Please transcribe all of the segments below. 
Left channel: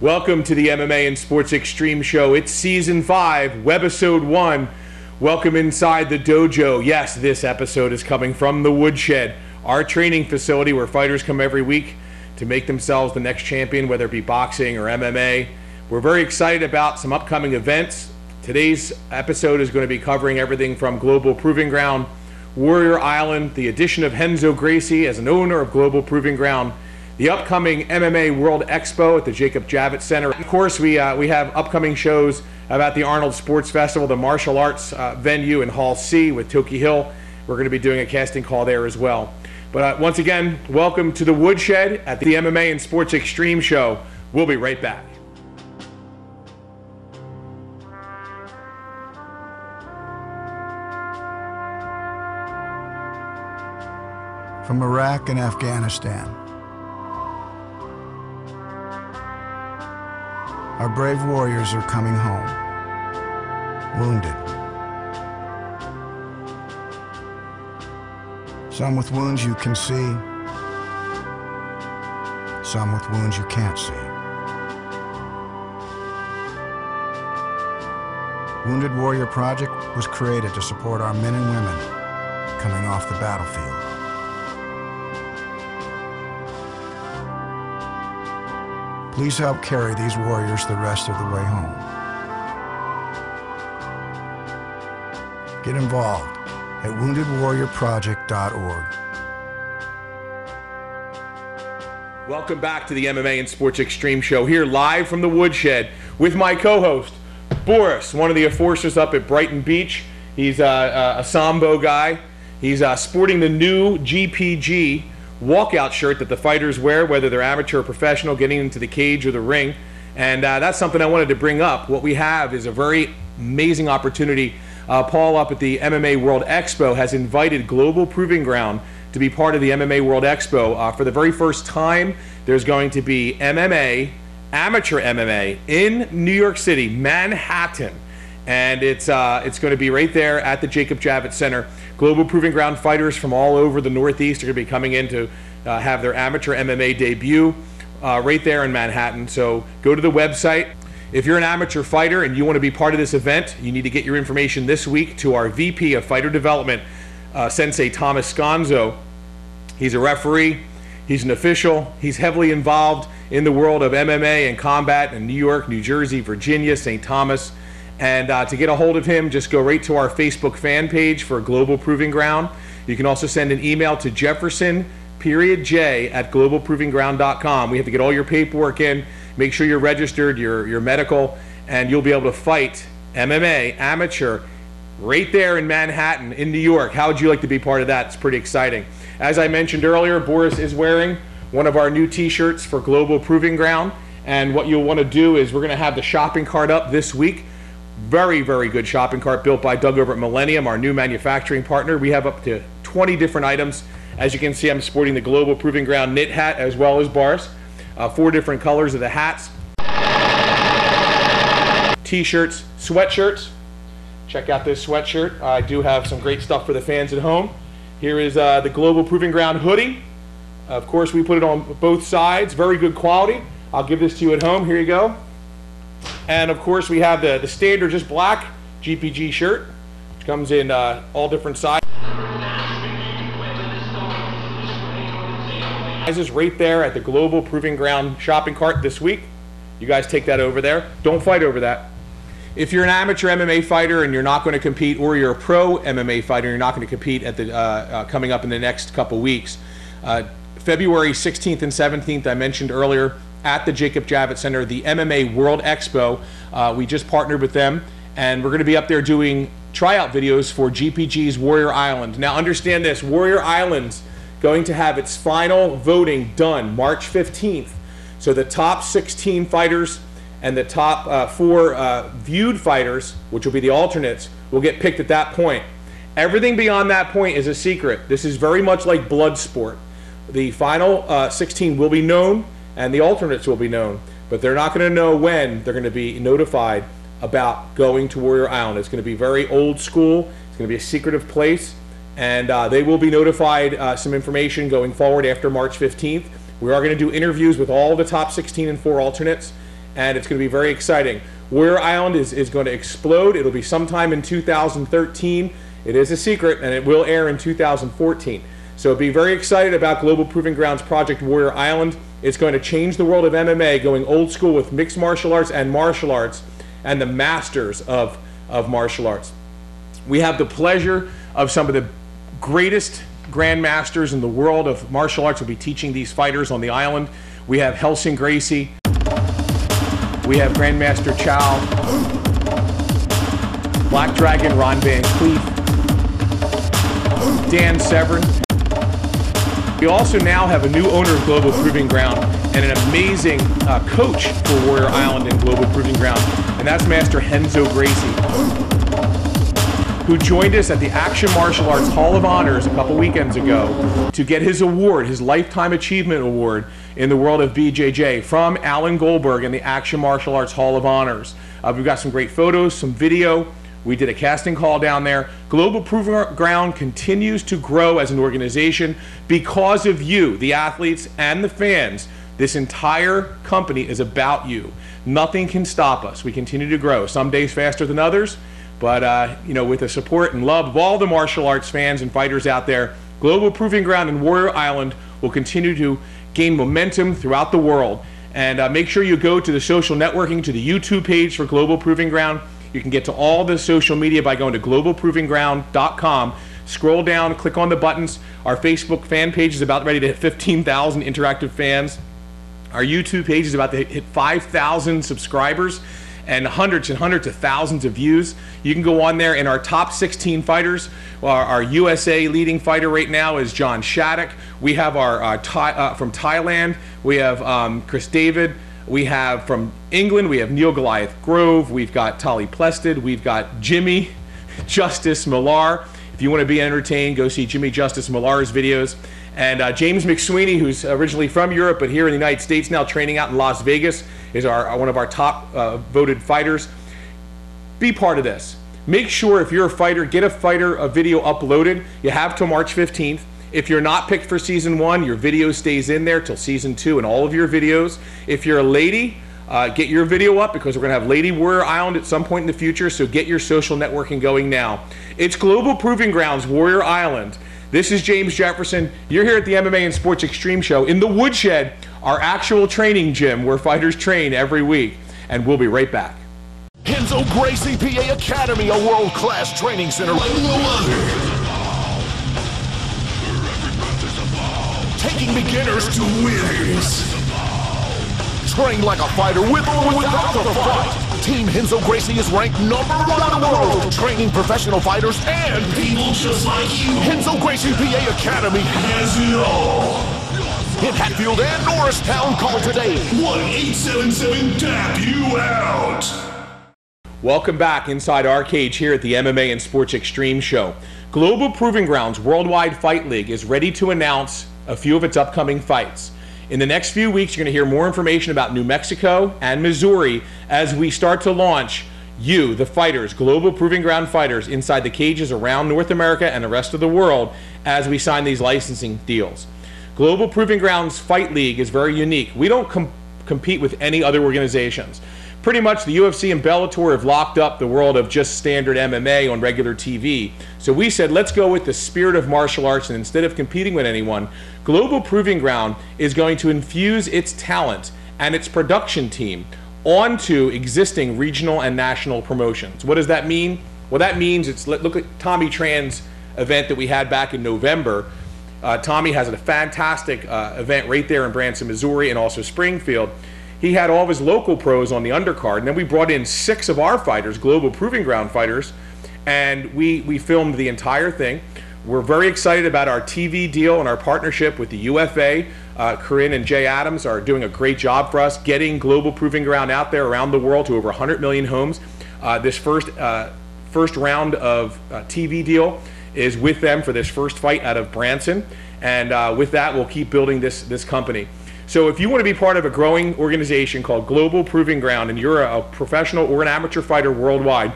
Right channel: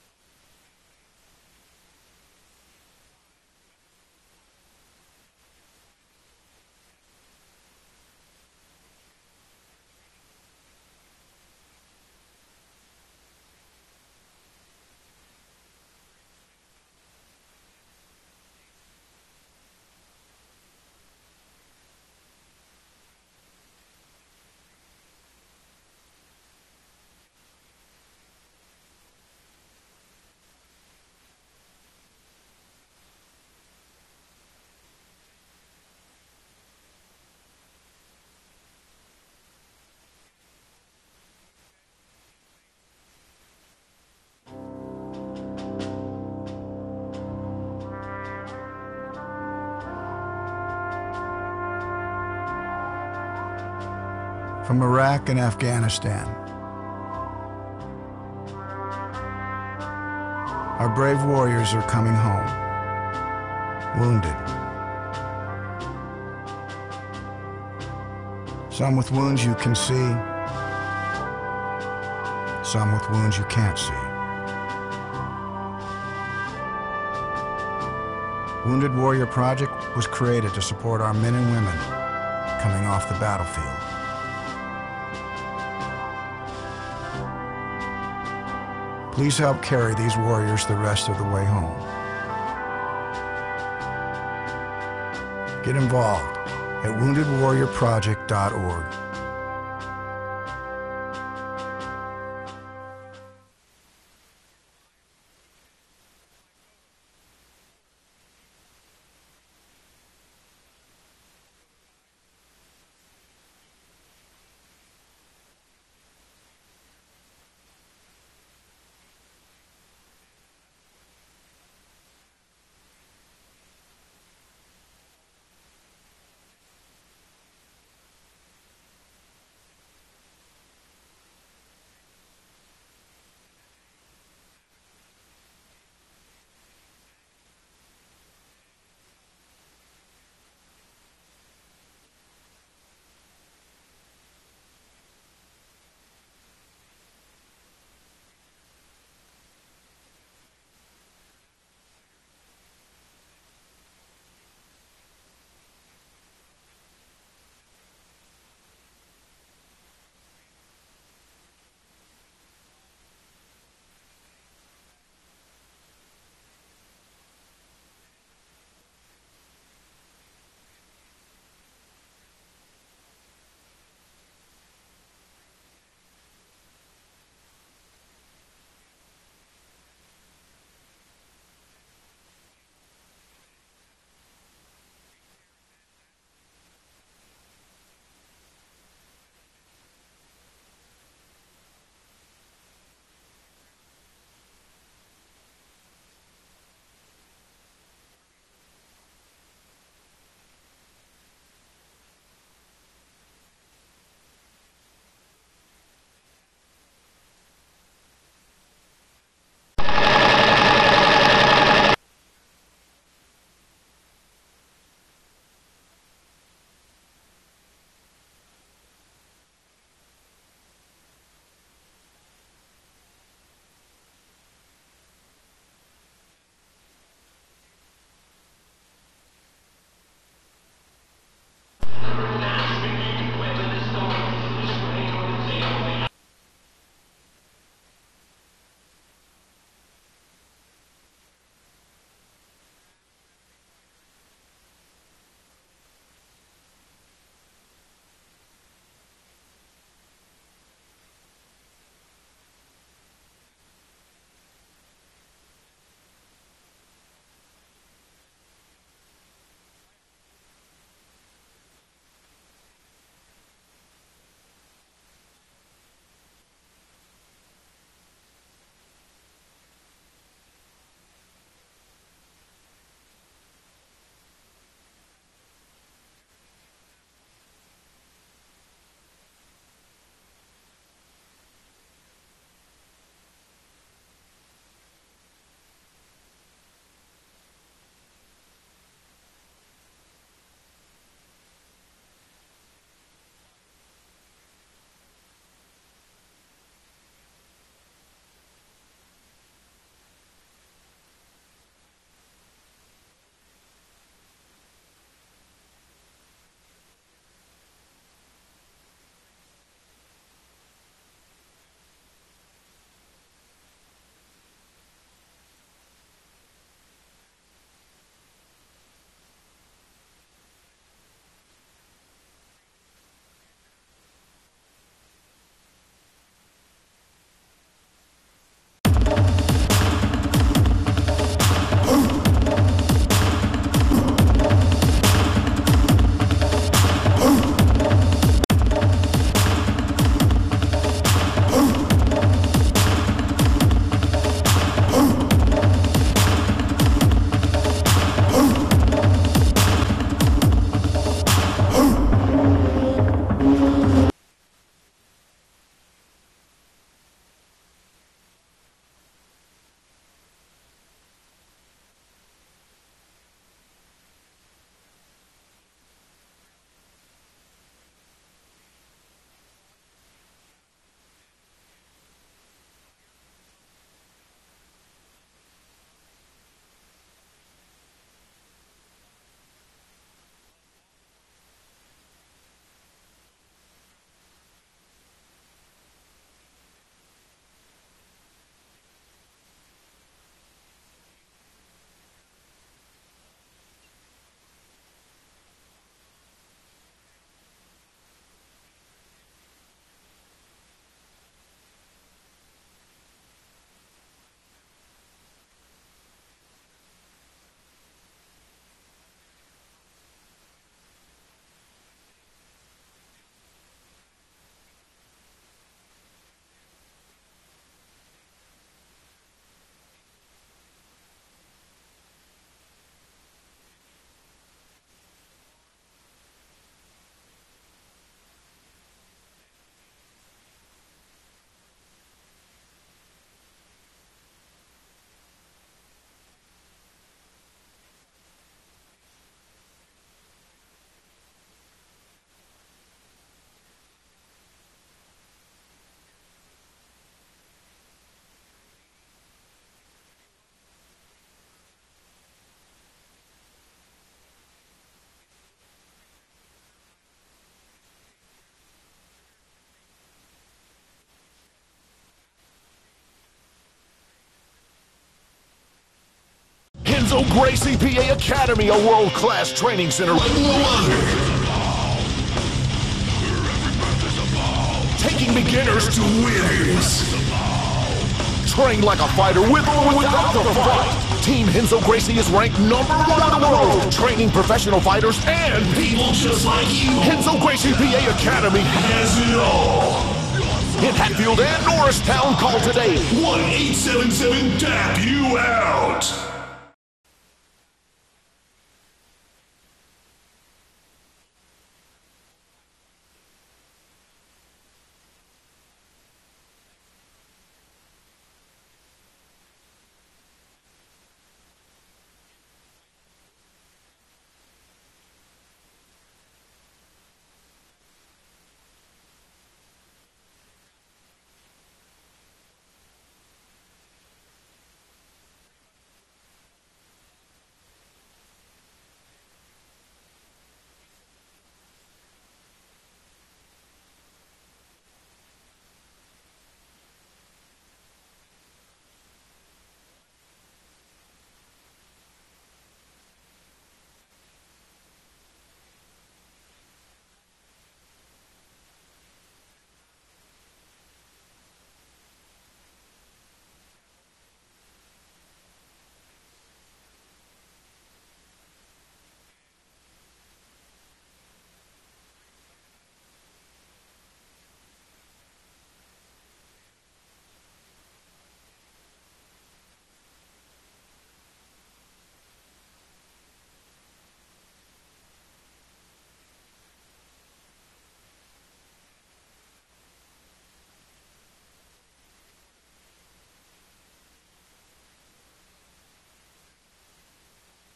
Welcome to the MMA and Sports Extreme Show. It's Season 5, Webisode 1. Welcome inside the dojo. Yes, this episode is coming from the Woodshed, our training facility where fighters come every week to make themselves the next champion, whether it be boxing or MMA. We're very excited about some upcoming events. Today's episode is going to be covering everything from Global Proving Ground, Warrior Island, the addition of Renzo Gracie as an owner of Global Proving Ground, the upcoming MMA World Expo at the Jacob Javits Center. Of course, we have upcoming shows about the Arnold Sports Festival, the martial arts venue in Hall C with Toki Hill. We're going to be doing a casting call there as well. But once again, welcome to the Woodshed at the MMA and Sports Extreme Show. We'll be right back. From Iraq and Afghanistan, our brave warriors are coming home, wounded. Some with wounds you can see, some with wounds you can't see. Wounded Warrior Project was created to support our men and women coming off the battlefield. Please help carry these warriors the rest of the way home. Get involved at woundedwarriorproject.org. Welcome back to the MMA and Sports Extreme Show, here live from the Woodshed with my co-host, Boris, one of the enforcers up at Brighton Beach. He's a Sambo guy. He's sporting the new GPG walkout shirt that the fighters wear, whether they're amateur or professional, getting into the cage or the ring. And that's something I wanted to bring up. What we have is a very amazing opportunity. Paul up at the MMA World Expo has invited Global Proving Ground to be part of the MMA World Expo. For the very first time, there's going to be MMA, Amateur MMA in New York City, Manhattan. And it's going to be right there at the Jacob Javits Center. Global Proving Ground fighters from all over the Northeast are going to be coming in to have their amateur MMA debut right there in Manhattan. So go to the website. If you're an amateur fighter and you want to be part of this event, you need to get your information this week to our VP of Fighter Development, Sensei Thomas Sconzo. He's a referee. He's an official. He's heavily involved in the world of MMA and combat in New York, New Jersey, Virginia, St. Thomas. And to get a hold of him, just go right to our Facebook fan page for Global Proving Ground. You can also send an email to Jefferson.J@globalprovingground.com. We have to get all your paperwork in, make sure you're registered, your medical, and you'll be able to fight MMA, amateur, right there in Manhattan, in New York. How would you like to be part of that? It's pretty exciting. As I mentioned earlier, Boris is wearing one of our new t-shirts for Global Proving Ground. And what you'll want to do is we're going to have the shopping cart up this week. Very, very good shopping cart built by Doug over at Millennium, our new manufacturing partner. We have up to 20 different items. As you can see, I'm sporting the Global Proving Ground knit hat as well as bars. 4 different colors of the hats. T-shirts, sweatshirts. Check out this sweatshirt. I do have some great stuff for the fans at home. Here is the Global Proving Ground hoodie. Of course, we put it on both sides. Very good quality. I'll give this to you at home. Here you go. And of course we have the standard just black GPG shirt, which comes in all different sizes right there at the Global Proving Ground shopping cart this week. You guys take that over there. Don't fight over that. If you're an amateur MMA fighter and you're not going to compete, or you're a pro MMA fighter and you're not going to compete at the coming up in the next couple weeks, February 16th and 17th, I mentioned earlier, at the Jacob Javits Center, the MMA World Expo. We just partnered with them, and we're going to be up there doing tryout videos for GPG's Warrior Island. Now understand this, Warrior Island's going to have its final voting done March 15th. So the top 16 fighters and the top 4 viewed fighters, which will be the alternates, will get picked at that point. Everything beyond that point is a secret. This is very much like blood sport. The final 16 will be known, and the alternates will be known, but they're not going to know when they're going to be notified about going to Warrior Island. It's going to be very old school. It's going to be a secretive place, and they will be notified some information going forward after March 15th. We are going to do interviews with all the top 16 and 4 alternates, and it's going to be very exciting. Warrior Island is going to explode. It'll be sometime in 2013. It is a secret, and it will air in 2014. So be very excited about Global Proving Grounds Project Warrior Island. It's going to change the world of MMA, going old school with mixed martial arts and the masters of martial arts. We have the pleasure of some of the greatest grandmasters in the world of martial arts will be teaching these fighters on the island. We have Helsing Gracie. We have Grandmaster Chow. Black Dragon Ron Van Cleef. Dan Severin. We also now have a new owner of Global Proving Ground and an amazing coach for Warrior Island and Global Proving Ground, and that's Master Renzo Gracie, who joined us at the Action Martial Arts Hall of Honors a couple weekends ago to get his award, his Lifetime Achievement Award in the world of BJJ from Alan Goldberg and the Action Martial Arts Hall of Honors. We've got some great photos, some video. We did a casting call down there. Global Proving Ground continues to grow as an organization because of you, the athletes and the fans. This entire company is about you. Nothing can stop us. We continue to grow, some days faster than others, but with the support and love of all the martial arts fans and fighters out there, Global Proving Ground and Warrior Island will continue to gain momentum throughout the world. And make sure you go to the social networking, to the YouTube page for Global Proving Ground. You can get to all the social media by going to globalprovingground.com. Scroll down, click on the buttons. Our Facebook fan page is about ready to hit 15,000 interactive fans. Our YouTube page is about to hit 5,000 subscribers and hundreds of thousands of views. You can go on there, and our top 16 fighters, our USA leading fighter right now is John Shattuck. We have our from Thailand, we have Chris David. We have from England, we have Neil Goliath Grove, we've got Tali Plested, we've got Jimmy Justice Millar. If you want to be entertained, go see Jimmy Justice Millar's videos. And James McSweeney, who's originally from Europe but here in the United States now training out in Las Vegas, is one of our top voted fighters. Be part of this. Make sure if you're a fighter, get a video uploaded. You have till March 15th. If you're not picked for season 1, your video stays in there till season 2 and all of your videos. If you're a lady, get your video up because we're going to have Lady Warrior Island at some point in the future, so get your social networking going now. It's Global Proving Grounds, Warrior Island. This is James Jefferson. You're here at the MMA and Sports Extreme Show in the Woodshed, our actual training gym where fighters train every week. And we'll be right back. Renzo Gracie PA Academy, a world-class training center like no other. Taking beginners to wins. Train like a fighter with or without the fight. Team Renzo Gracie is ranked #1 in the world, training professional fighters and people just like you. Renzo Gracie PA Academy has it all. In Hatfield and Norristown, call today. 1-877-TAP-YOU-OUT. Welcome back inside our cage here at the MMA and Sports Extreme Show. Global Proving Grounds Worldwide Fight League is ready to announce a few of its upcoming fights. In the next few weeks, you're going to hear more information about New Mexico and Missouri as we start to launch you, the fighters, Global Proving Ground fighters, inside the cages around North America and the rest of the world as we sign these licensing deals. Global Proving Grounds Fight League is very unique. We don't compete with any other organizations. Pretty much the UFC and Bellator have locked up the world of just standard MMA on regular TV. So we said, let's go with the spirit of martial arts, and instead of competing with anyone, Global Proving Ground is going to infuse its talent and its production team onto existing regional and national promotions. What does that mean? Well, that means look at Tommy Tran's event that we had back in November. Tommy has a fantastic event right there in Branson, Missouri, and also Springfield. He had all of his local pros on the undercard, and then we brought in 6 of our fighters, Global Proving Ground fighters, and we filmed the entire thing. We're very excited about our TV deal and our partnership with the UFA. Corinne and Jay Adams are doing a great job for us, getting Global Proving Ground out there around the world to over 100 million homes. This first round of TV deal is with them for this first fight out of Branson, and with that, we'll keep building this company. So if you want to be part of a growing organization called Global Proving Ground, and you're a professional or an amateur fighter worldwide,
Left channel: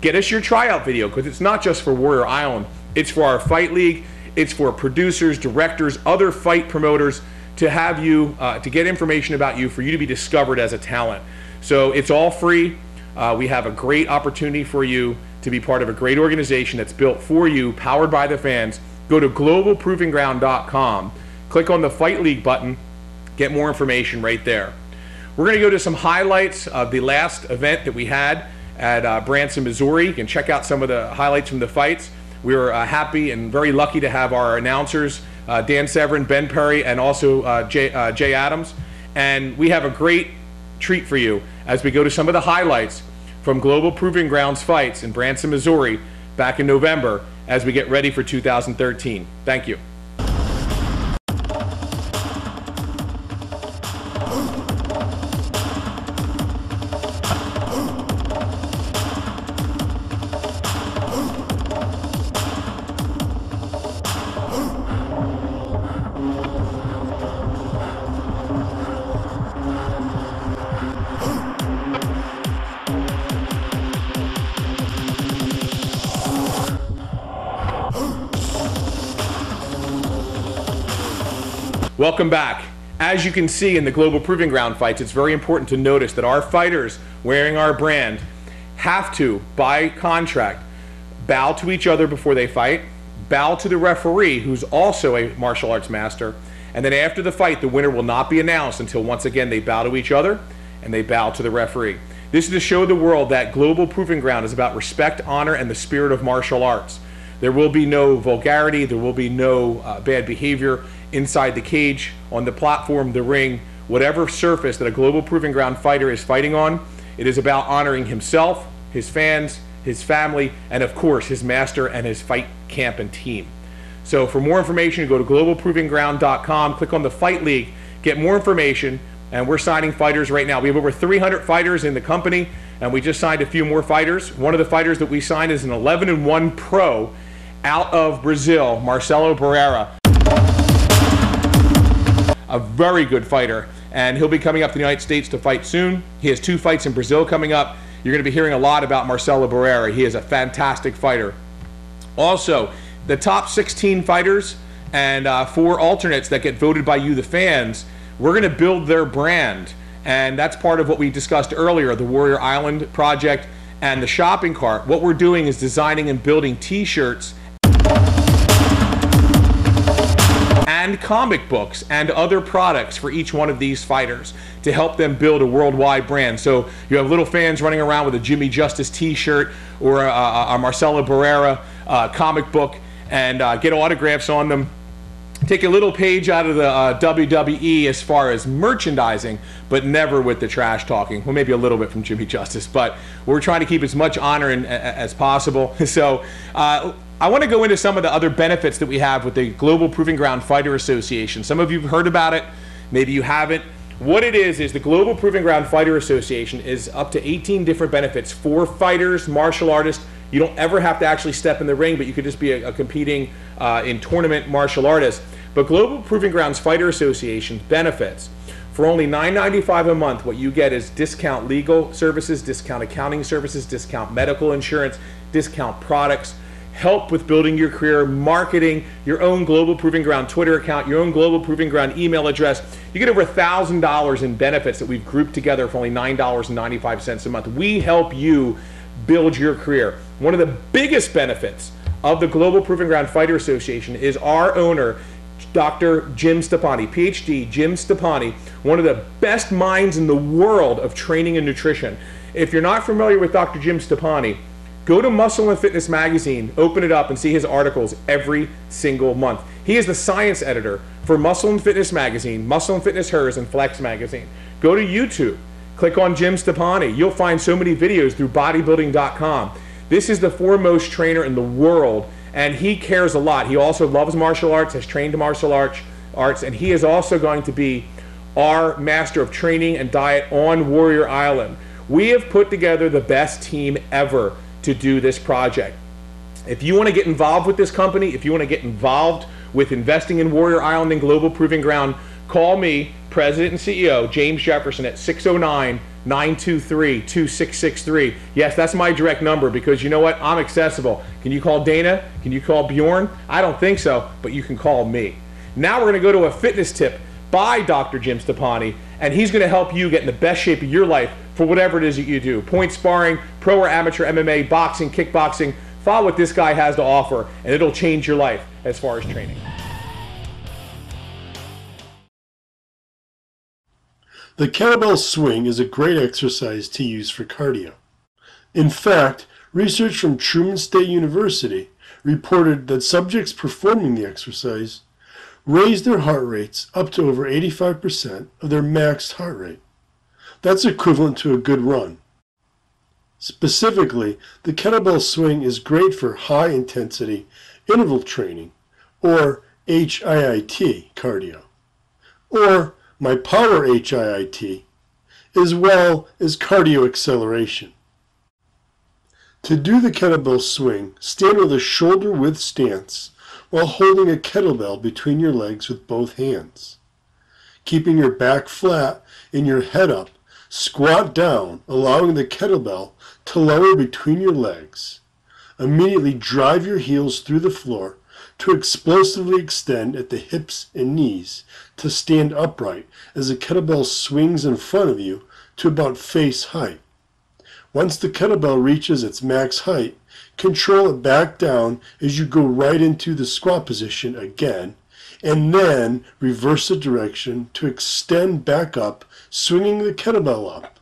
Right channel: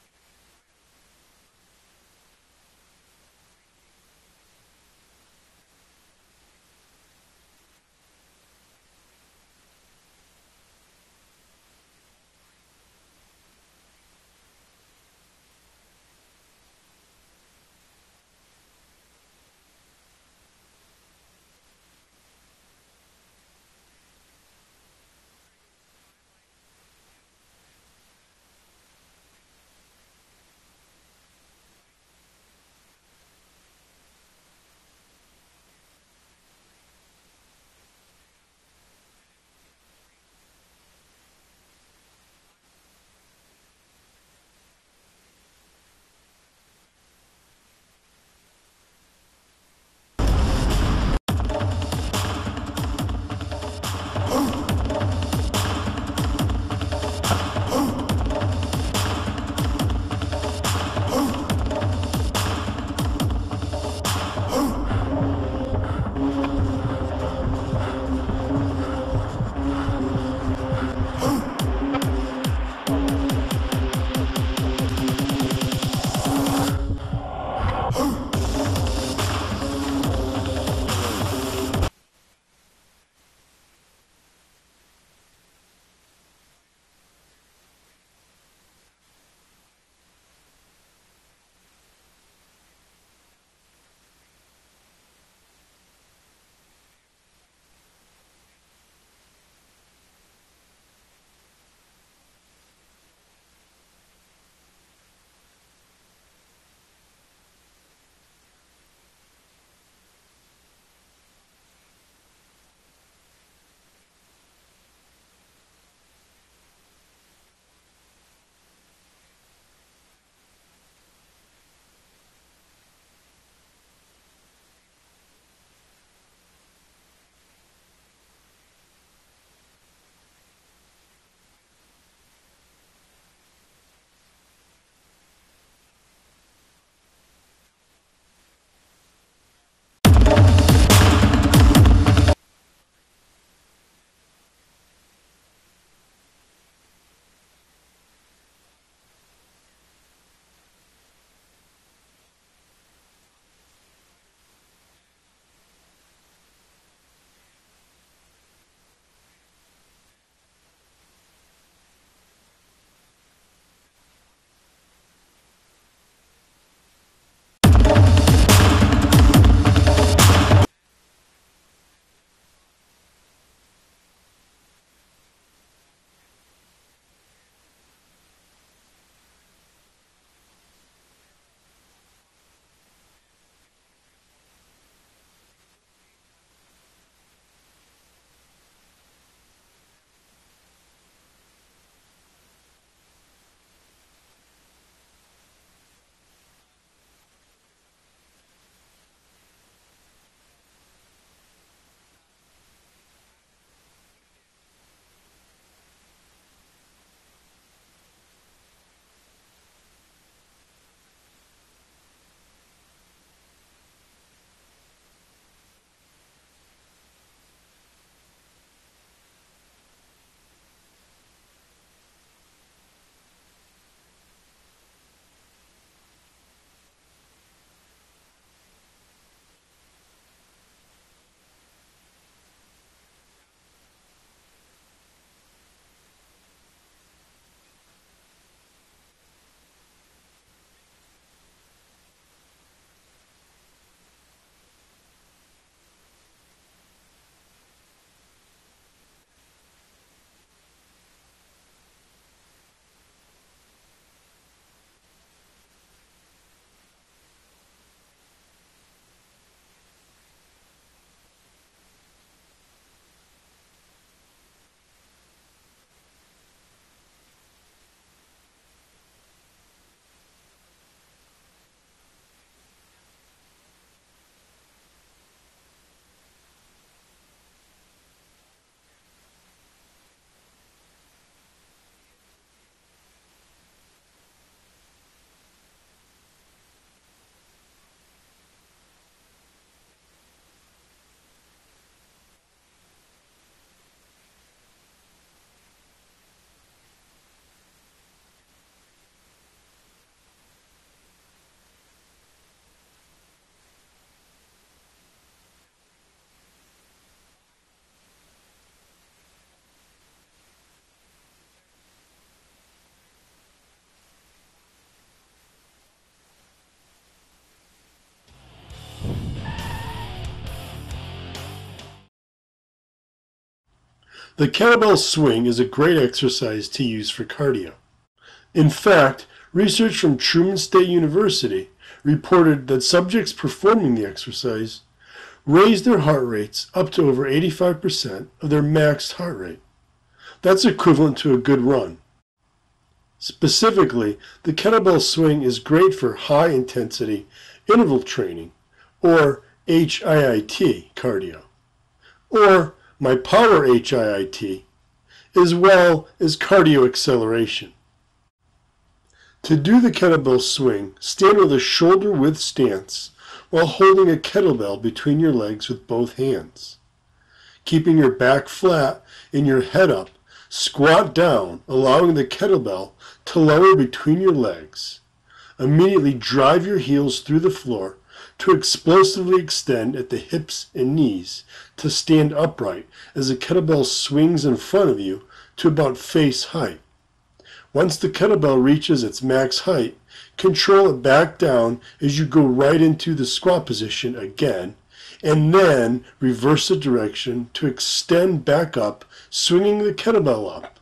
get us your tryout video, because it's not just for Warrior Island. It's for our fight league. It's for producers, directors, other fight promoters to have you, to get information about you, for you to be discovered as a talent. So it's all free. We have a great opportunity for you to be part of a great organization that's built for you, powered by the fans. Go to globalprovingground.com, click on the Fight League button, get more information right there. We're going to go to some highlights of the last event that we had at Branson, Missouri. You can check out some of the highlights from the fights. We were happy and very lucky to have our announcers, Dan Severin, Ben Perry, and also Jay Adams. And we have a great treat for you as we go to some of the highlights from Global Proving Grounds fights in Branson, Missouri back in November as we get ready for 2013. Thank you. Welcome back. As you can see in the Global Proving Ground fights, it's very important to notice that our fighters wearing our brand have to, by contract, bow to each other before they fight, bow to the referee, who's also a martial arts master, and then after the fight, the winner will not be announced until once again they bow to each other and they bow to the referee. This is to show the world that Global Proving Ground is about respect, honor, and the spirit of martial arts. There will be no vulgarity, there will be no bad behavior inside the cage, on the platform, the ring, whatever surface that a Global Proving Ground fighter is fighting on. It is about honoring himself, his fans, his family, and of course his master and his fight camp and team. So for more information, go to globalprovingground.com, click on the Fight League, get more information, and we're signing fighters right now. We have over 300 fighters in the company, and we just signed a few more fighters. One of the fighters that we signed is an 11-1 pro out of Brazil, Marcelo Barrera. A very good fighter, and he'll be coming up to the United States to fight soon. He has 2 fights in Brazil coming up. You're going to be hearing a lot about Marcelo Barrera. He is a fantastic fighter. Also, the top 16 fighters and 4 alternates that get voted by you, the fans, we're going to build their brand, and that's part of what we discussed earlier, the Warrior Island project and the shopping cart. What we're doing is designing and building t-shirts and comic books and other products for each one of these fighters to help them build a worldwide brand. So you have little fans running around with a Jimmy Justice t-shirt or a Marcelo Barrera comic book and get autographs on them. Take a little page out of the WWE as far as merchandising, but never with the trash talking. Well, maybe a little bit from Jimmy Justice, but we're trying to keep as much honor as possible. So I want to go into some of the other benefits that we have with the Global Proving Ground Fighter Association. Some of you have heard about it, maybe you haven't. What it is the Global Proving Ground Fighter Association is up to 18 different benefits for fighters, martial artists. You don't ever have to actually step in the ring, but you could just be a competing in tournament martial artist. But Global Proving Grounds Fighter Association benefits. For only $9.95 a month, what you get is discount legal services, discount accounting services, discount medical insurance, discount products, help with building your career, marketing, your own Global Proving Ground Twitter account, your own Global Proving Ground email address. You get over $1,000 in benefits that we've grouped together for only $9.95 a month. We help you build your career. One of the biggest benefits of the Global Proving Ground Fighter Association is our owner, Dr. Jim Stepani, PhD Jim Stepani, one of the best minds in the world of training and nutrition. If you're not familiar with Dr. Jim Stepani, go to Muscle and Fitness magazine, open it up and see his articles every single month. He is the science editor for Muscle and Fitness magazine, Muscle and Fitness Hers, and Flex magazine. Go to YouTube, click on Jim Stepani. You'll find so many videos through bodybuilding.com. This is the foremost trainer in the world, and he cares a lot. He also loves martial arts, has trained martial arts, and he is also going to be our master of training and diet on Warrior Island. We have put together the best team ever to do this project. If you want to get involved with this company, if you want to get involved with investing in Warrior Island and Global Proving Ground, call me, President and CEO, James Jefferson, at 609-923-2663. Yes, that's my direct number because you know what? I'm accessible. Can you call Dana? Can you call Bjorn? I don't think so, but you can call me. Now we're going to go to a fitness tip by Dr. Jim Stepani, and he's going to help you get in the best shape of your life for whatever it is that you do. Point sparring, pro or amateur MMA, boxing, kickboxing. Follow what this guy has to offer, and it'll change your life as far as training. The kettlebell swing is a great exercise to use for cardio. In fact, research from Truman State University reported that subjects performing the exercise raised their heart rates up to over 85% of their maxed heart rate. That's equivalent to a good run. Specifically, the kettlebell swing is great for high-intensity interval training, or HIIT cardio, or my power HIIT, as well as cardio acceleration. To do the kettlebell swing, stand with a shoulder-width stance while holding a kettlebell between your legs with both hands. Keeping your back flat and your head up, squat down, allowing the kettlebell to lower between your legs. Immediately drive your heels through the floor to explosively extend at the hips and knees to stand upright as the kettlebell swings in front of you to about face height. Once the kettlebell reaches its max height, control it back down as you go right into the squat position again, and then reverse the direction to extend back up, swinging the kettlebell up.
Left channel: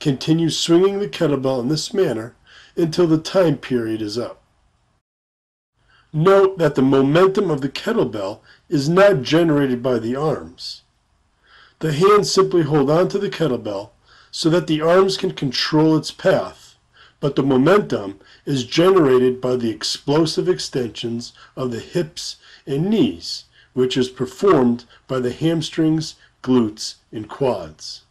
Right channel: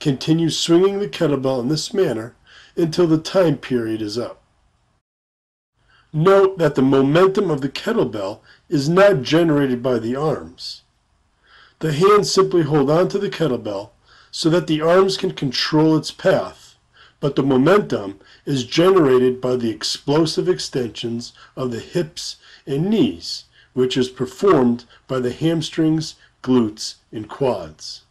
Continue swinging the kettlebell in this manner until the time period is up. Note that the momentum of the kettlebell is not generated by the arms. The hands simply hold onto the kettlebell so that the arms can control its path, but the momentum is generated by the explosive extensions of the hips and knees, which is performed by the hamstrings, glutes, and quads.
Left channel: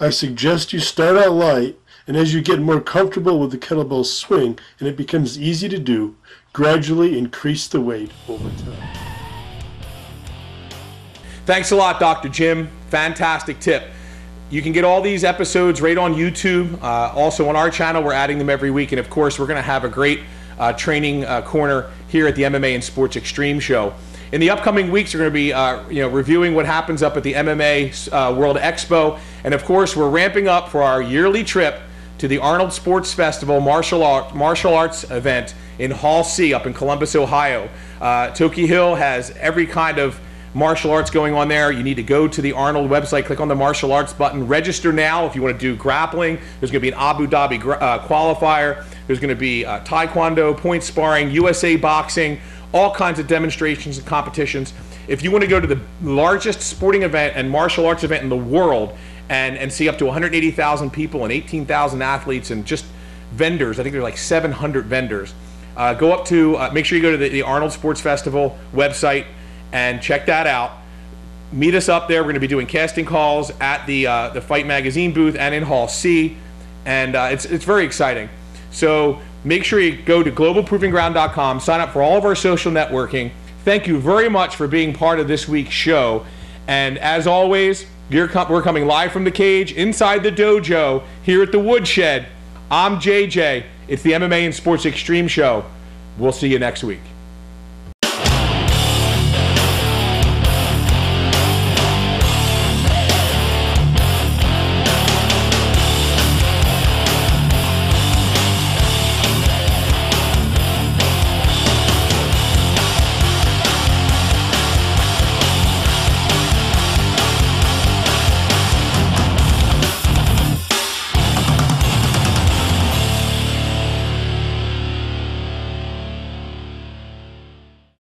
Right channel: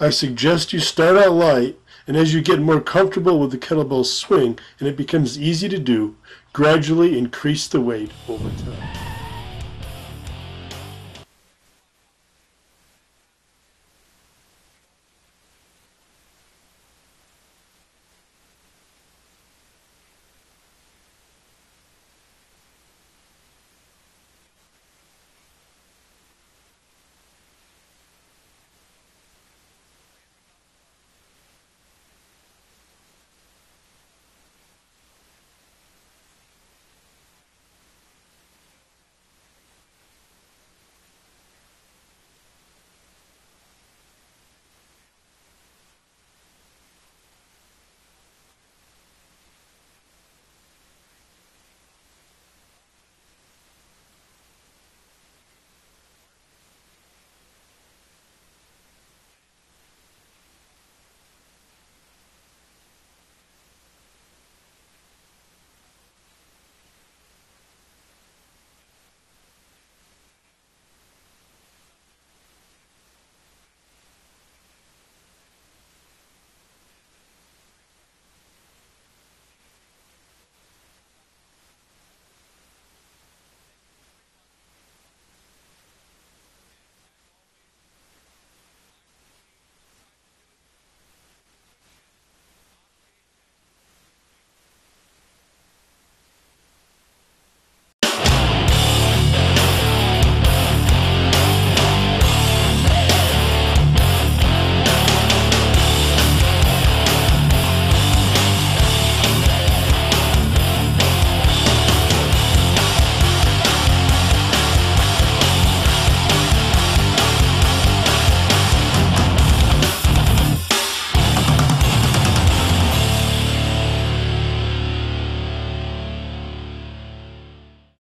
I suggest you start out light, and as you get more comfortable with the kettlebell swing and it becomes easy to do, gradually increase the weight over time. Thanks a lot, Dr. Jim. Fantastic tip. You can get all these episodes right on YouTube. Also on our channel, we're adding them every week. And of course, we're going to have a great training corner here at the MMA and Sports Extreme Show. In the upcoming weeks, we're going to be reviewing what happens up at the MMA World Expo. And of course, we're ramping up for our yearly trip to the Arnold Sports Festival martial arts event in Hall C up in Columbus, Ohio. Toki Hill has every kind of martial arts going on there. You need to go to the Arnold website, click on the martial arts button, register now if you want to do grappling. There's going to be an Abu Dhabi qualifier. There's going to be taekwondo, point sparring, USA boxing, all kinds of demonstrations and competitions. If you want to go to the largest sporting event and martial arts event in the world and see up to 180,000 people and 18,000 athletes and just vendors, I think there's like 700 vendors, go up to, make sure you go to the Arnold Sports Festival website and check that out. Meet us up there. We're going to be doing casting calls at the Fight Magazine booth and in Hall C, and it's very exciting. So make sure you go to globalprovingground.com, sign up for all of our social networking. Thank you very much for being part of this week's show. And as always, we're coming live from the cage inside the dojo here at the Woodshed. I'm JJ. It's the MMA and Sports Extreme Show. We'll see you next week.